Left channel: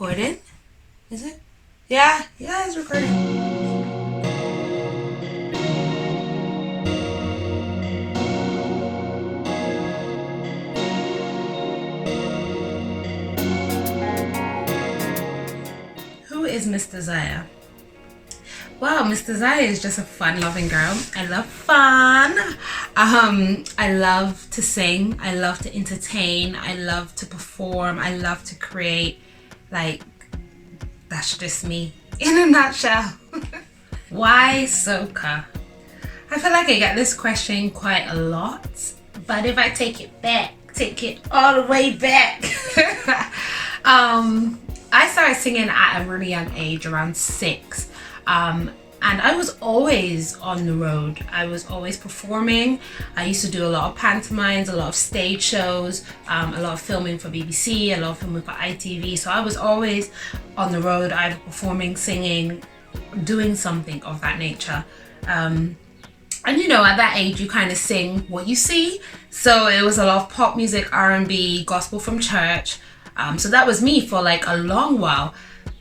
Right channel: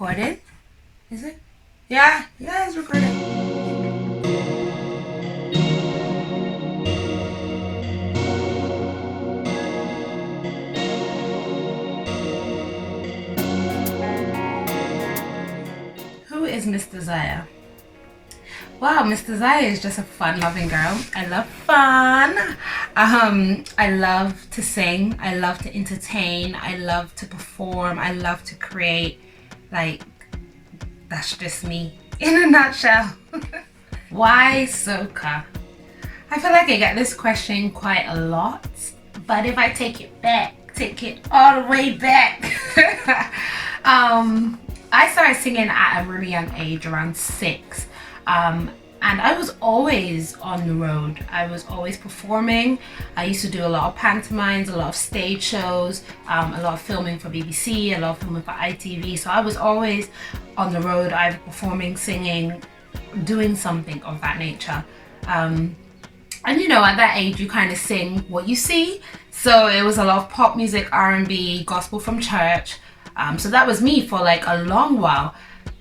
recording. Is it? Yeah, it's recording. Who is Miss Desire? Wow, Miss Desire is just a fun-loving girl. I love fun. I love to sing. I love to entertain. I love to perform. I love to create. Like, that's just me in a nutshell. Why soca? I feel like I get this question quite a lot, but if I take it all the way back. I started singing at a really young age, around 6. And I was always on the road. I was always performing. I used to do a lot of pantomimes, a lot of stage shows, a lot of filming for BBC, a lot of filming for ITV. So I was always on the road, either performing, singing, doing something of that nature. And you know, at that age, you kind of sing what you see. So it was a lot of pop music, R&B, gospel from church. So that was me for like a long while.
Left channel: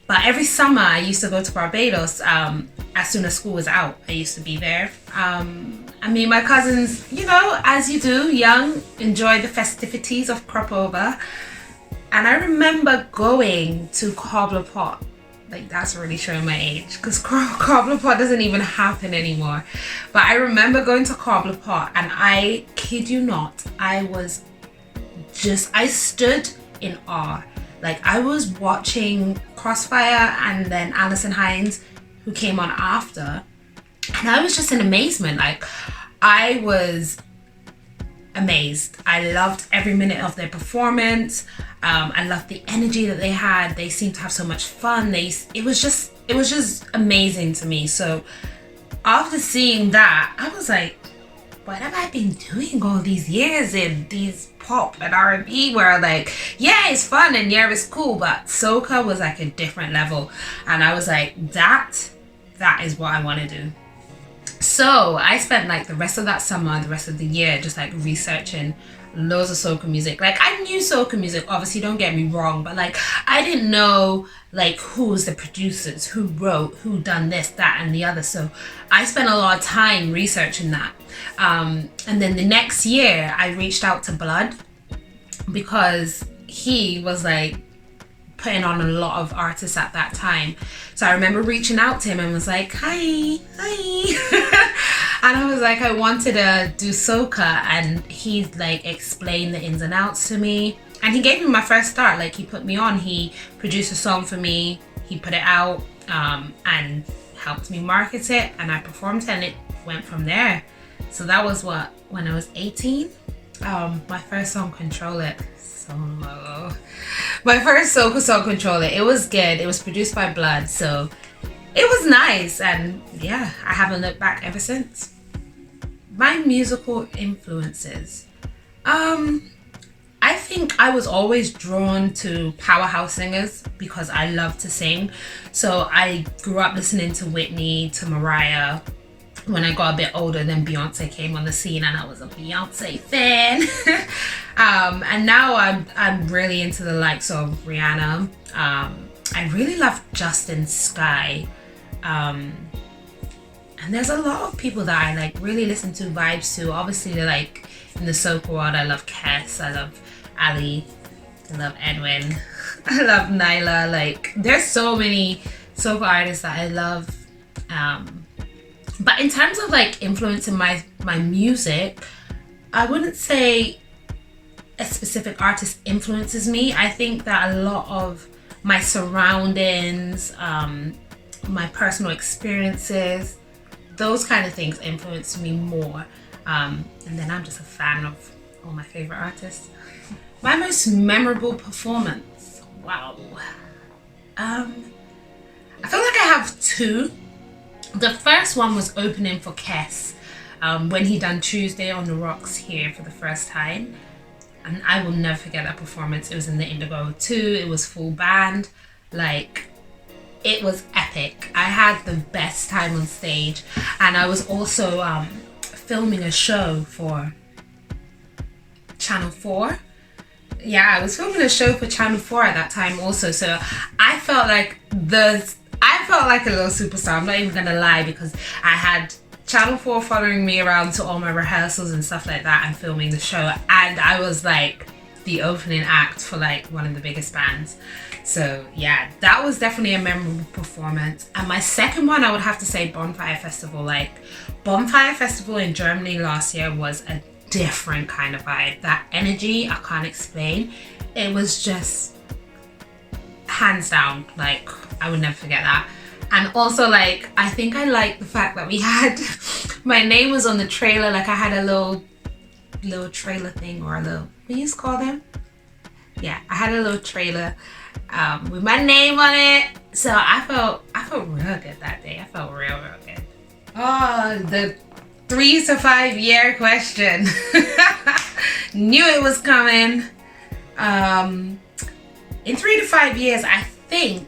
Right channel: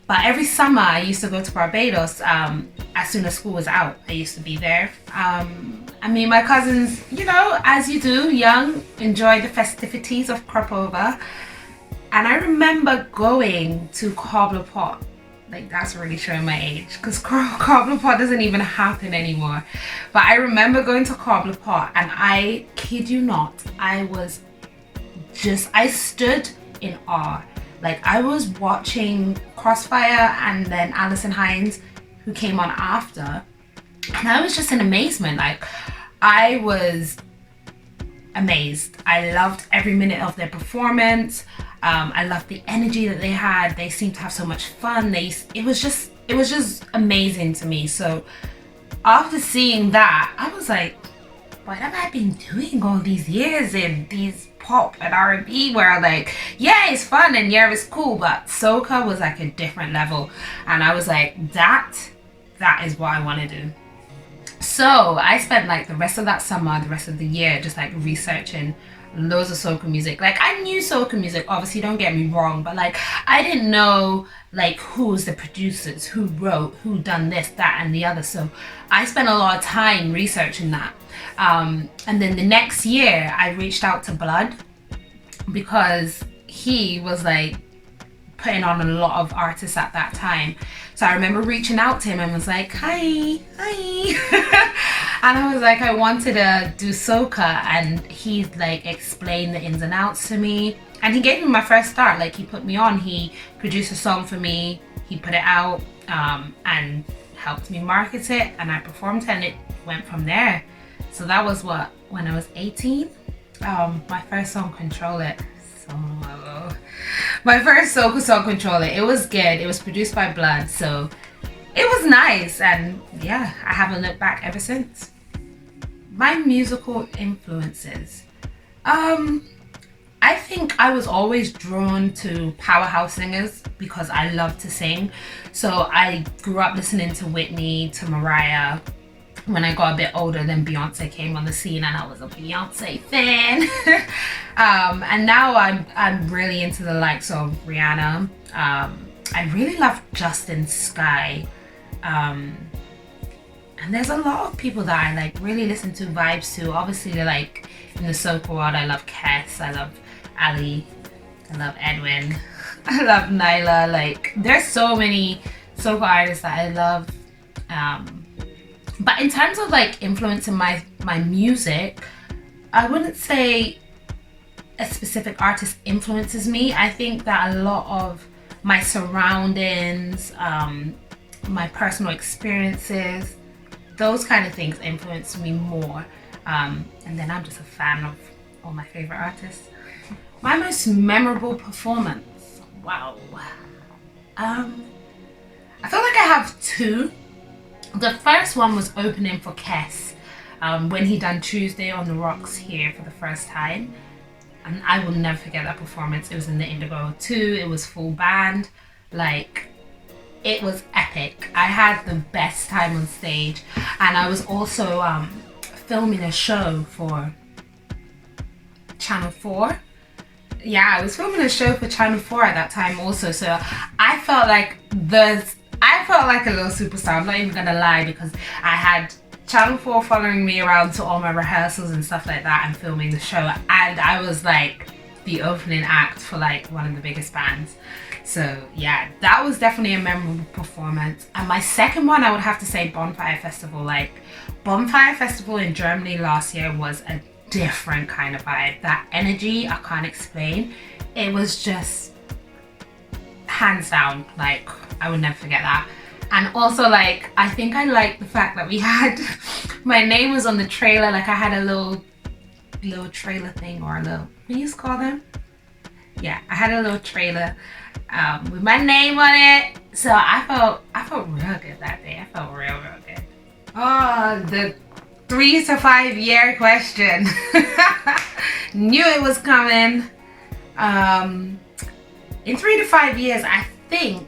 But every summer I used to go to Barbados as soon as school was out. I used to be there. I mean, my cousins, you know, as you do, young, enjoy the festivities of crop over. And I remember going to Cobbler Pot. Like, that's really showing my age because Cobbler Pot doesn't even happen anymore. But I remember going to Cobbler Pot, and I kid you not, I stood in awe. Like, I was watching Crossfire and then Alison Hines, who came on after, and I was just in amazement. Like, I was amazed. I loved every minute of their performance. I loved the energy that they had. They seemed to have so much fun. It was just amazing to me. So after seeing that, I was like, what have I been doing all these years in these pop and R&B where, like, yeah, it's fun and yeah, it's cool, but soca was like a different level. And I was like, that is what I want to do. So I spent like the rest of that summer, the rest of the year, just like researching loads of soca music. Like, I knew soca music, obviously, don't get me wrong, but like, I didn't know like who's the producers, who wrote, who done this, that and the other. So I spent a lot of time researching that. And then the next year I reached out to Blood because he was like putting on a lot of artists at that time. So I remember reaching out to him and was like, hi. And I was like, I wanted to do soca, and he like explained the ins and outs to me, and he gave me my first start. Like, he put me on, he produced a song for me, he put it out, and helped me market it, and I performed it, and it went from there. So that was when I was 18. My first song, Control It. My first soca song, Control It. It was good. It was produced by Blood, so it was nice, and yeah, I haven't looked back ever since. My musical influences. I think I was always drawn to powerhouse singers because I love to sing. So I grew up listening to Whitney, to Mariah. When I got a bit older, then Beyonce came on the scene, and I was a Beyonce fan. And now I'm really into the likes of Rihanna. I really love Justin Sky. And there's a lot of people that I like really listen to, vibes to. Obviously, like in the soca world, I love Kes, I love Ali, I love Edwin, I love Nyla. Like, there's so many soca artists that I love. But in terms of like influencing my music, I wouldn't say a specific artist influences me. I think that a lot of my surroundings, my personal experiences, those kind of things influence me more. And then I'm just a fan of all my favorite artists. My most memorable performance. Wow. I feel like I have two. The first one was opening for Kes when he done Tuesday on the Rocks here for the first time. And I will never forget that performance. It was in the Indigo 2. It was full band. Like, it was epic. I had the best time on stage. And I was also filming a show for Channel 4. Yeah, I was filming a show for Channel 4 at that time also, so I felt like a little superstar. I'm not even gonna lie, because I had Channel 4 following me around to all my rehearsals and stuff like that and filming the show, and I was like the opening act for like one of the biggest bands. So yeah, that was definitely a memorable performance. And my second one, I would have to say Bonfire Festival. Like, Bonfire Festival in Germany last year was a different kind of vibe. That energy, I can't explain. It was just hands down, like, I would never forget that. And also, like, I think I liked the fact that we had my name was on the trailer. Like, I had a little trailer thing, or a little, what do you call them? Yeah, I had a little trailer with my name on it. So I felt real good that day. I felt real good. Oh, the 3 to 5 year question. Knew it was coming. In 3 to 5 years, I think,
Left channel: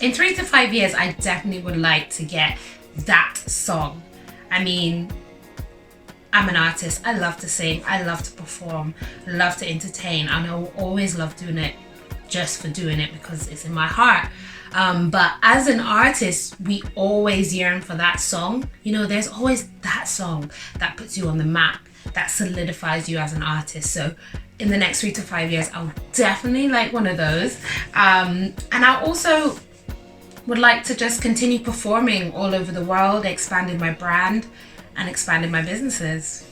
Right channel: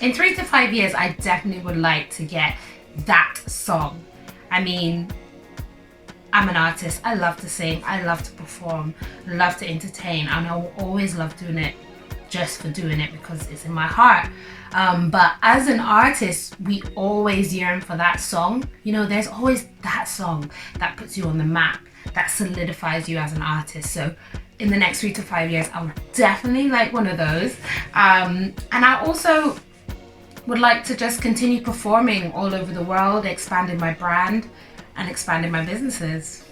in 3 to 5 years, I definitely would like to get that song. I mean, I'm an artist. I love to sing. I love to perform. I love to entertain. And I will always love doing it just for doing it, because it's in my heart. But as an artist, we always yearn for that song. You know, there's always that song that puts you on the map, that solidifies you as an artist. So in the next 3 to 5 years, I'll definitely like one of those. And I also would like to just continue performing all over the world, expanding my brand and expanding my businesses.